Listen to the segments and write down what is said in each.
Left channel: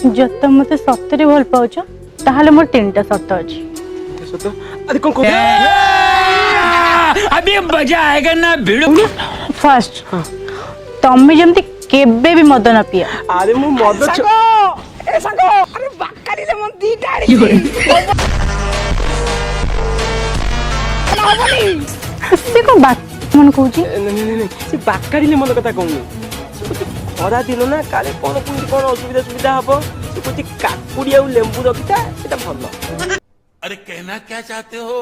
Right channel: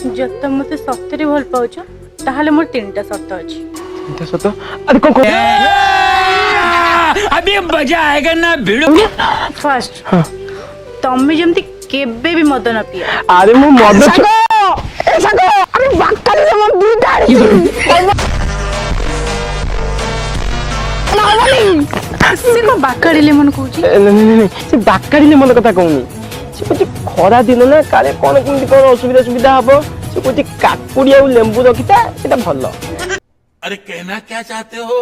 जब तुम मते सत्तरी भल पाउछ ताहाले मोर तीनटा सत्त अछि। तीनटा सत्त अरे कोन को अभी मजा आएगा ना भिड़ो। फर्स्ट तम्मे जेमती केबे भी मद न पिए। अरे मो मद सागो अरे बाकाली ले मन दी गाड़ी से को बाकाड़ी लेमन कहूची। नहीं से बाकाली ले मन कथा कहूनी से कुछ खरा दिन ना काले कोन किंदी कोन असुविधा सुविधा हबो से कुछ काकुड़ी आ लेंबू रखिता सेटा भलो। अरे कहना क्या चाहते हो?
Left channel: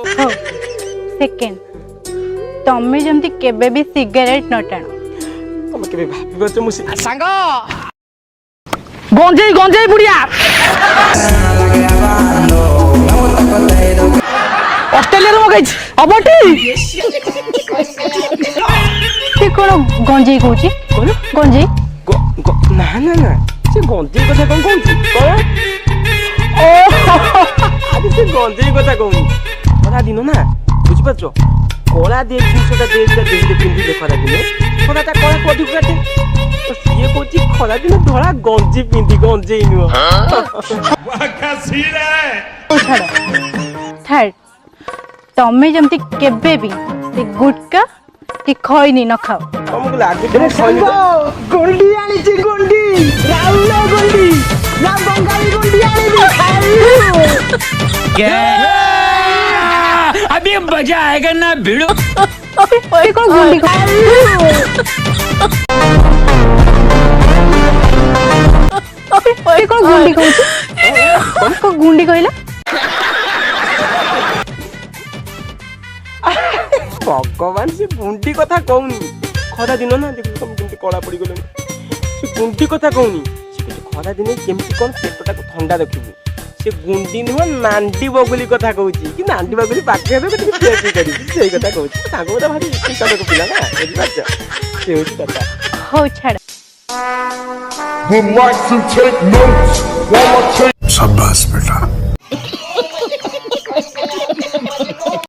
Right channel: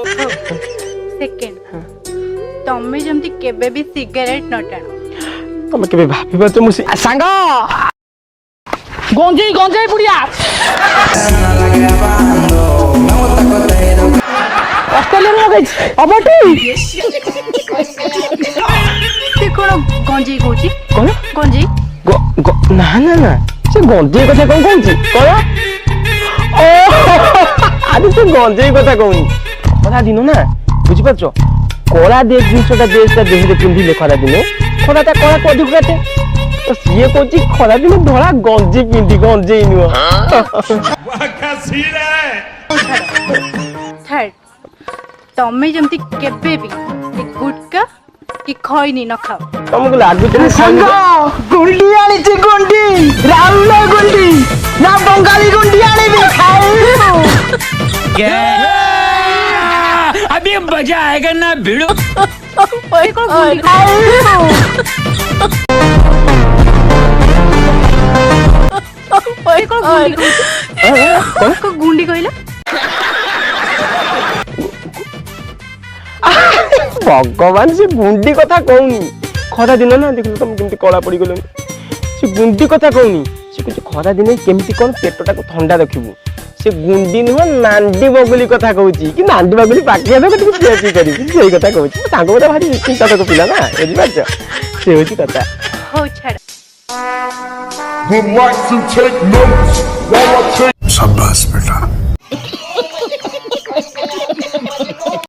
सेकंड तम्मे जेमती केबे भी सिगरेट न टाण। तुम केबे भाबिबा तो मुसी सांगो गंजेई बुढ़िया ऑस्ट्रेलिया रो गई अबटी से कोन गंजी कहूची कोन गंजी ना ना ना से गंजे कथा कोन कहूची कोन ओ आदि से गंजे कथा कहूनी खरा दिन ना बुझि पाछो कोला दे जिसटा देशटा देहरे पिंदी खरा दिन खराटा कोला कदि खाते तो सिए कोची खरा दिन धोला गंजी पिंदी गंजे नुवा वाह क्या सीन है। थर्ड तम्मे जेमती केबे भी गुटका कि खैनी न खाओ। तुमको लागु जे संगो गुंडी आनी ची गुंडी राउंड गुंडी ना बंगाली गुंडी आनी क्या अभी मजा आएगा ना भिड़ो। गुंडी कहला भगवान से गुंडी कथा कहूनी खरा दिन ना देखो तुम केमती कला पड़ी गले से गुंडी कथा कहूनी से कुछ खरा दिन केमती कोन पेटटा को ठंडा रखिबू से गुंडी नुह नांडी बगुली कथा कहूची कि नांडी बगुली बाकी आबे कति सेठी करी सेही कथा कहूची तांको बता भारी चिंता को पिला ना बुझि पाछो से होची कथा हो छाड़ Would like to take notes while I take शाबाश